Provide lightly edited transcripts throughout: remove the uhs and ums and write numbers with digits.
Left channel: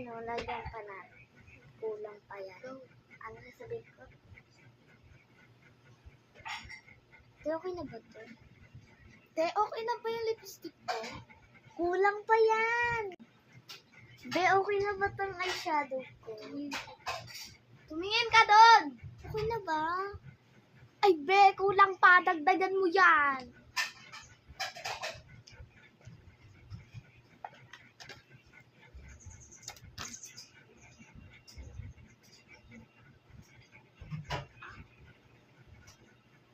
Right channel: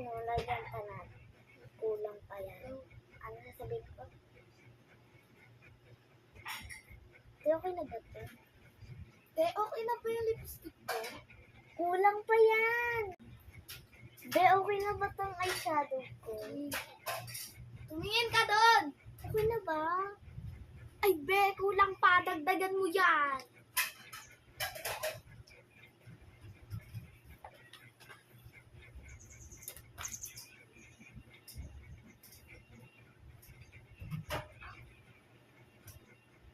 lagyan pa natin. Kulang pa yan. Ano sasabihin ko? Te, okay na ba to? Te, okay na ba yung lipstick ko? Kulang pa yan! Be, okay na ba tong eyeshadow ko? Tumingin ka doon! Okay na ba? Ay, be, kulang pa. Dagdagan mo yan.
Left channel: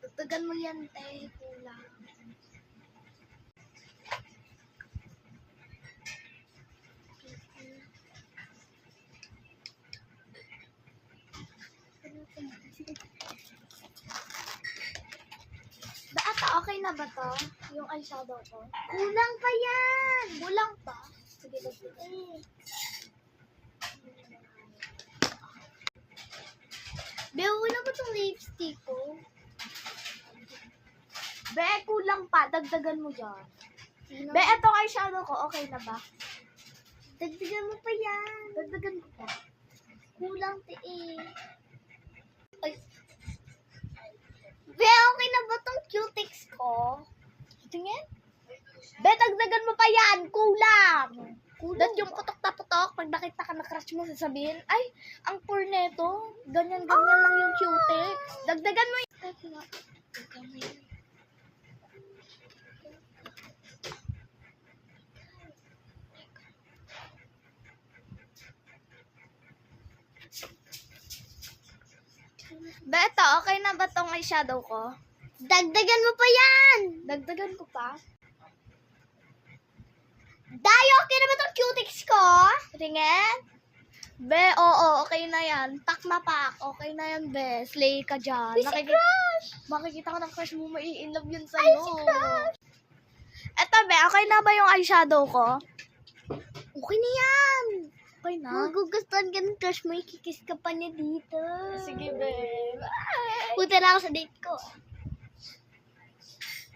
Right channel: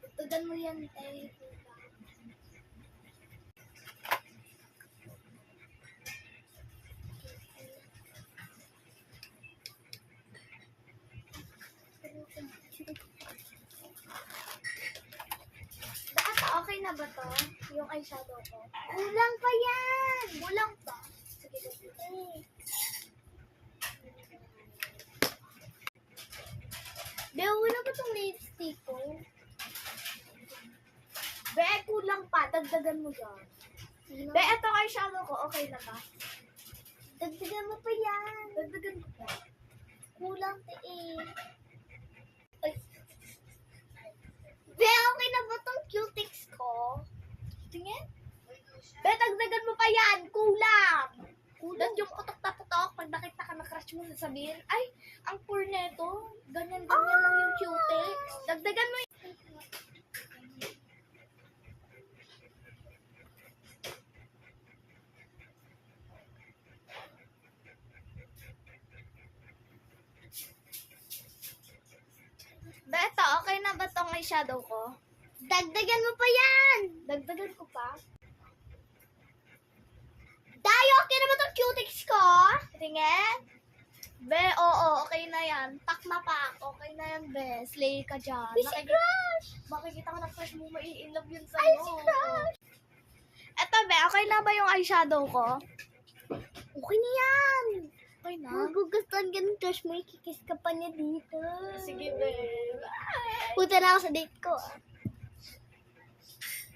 Dagdagan mo yan, te. Kulang. Ata, okay na ba to? Yung eyeshadow ko? Kulang pa yan! Kulang pa? Sige, dagdagan. Be, okay na ba tong lipstick ko? Be, kulang pa. Dagdagan mo yan. Sino? Be, eto eyeshadow ko. Okay na ba? Dagdagan mo pa yan! Dagdagan ko pa. Kulang te eh. Ay. Be, okay na ba tong cutics ko? Tingin? Be, dagdagan mo pa yan. Kulang. Kulang Yung ba? putok na putok, pag nakita ka na crush mo, sasabihin, ay, ang poor neto. Ganyan-ganyan lang yung cutics. Dagdagan mo yan. Be, ito, okay na ba tong eyeshadow ko? Dagdagan mo pa yan! Dagdagan ko pa. Day, okay na ba tong cutics ko? Tingin? Be, oo, okay na yan. Tak na pak. Okay na yan, be. Slay ka dyan. Ay, si crush! Makikita ko ng crush mo, mai-inlove yun Ay, sa'yo. si crush! Eto, be, okay na ba yung eyeshadow ko? Okay na yan! Okay na? Magugustuhan ka ng crush mo, ikikis ka pa niya dito. Sige, be. Bye! Punta na ako sa date ko.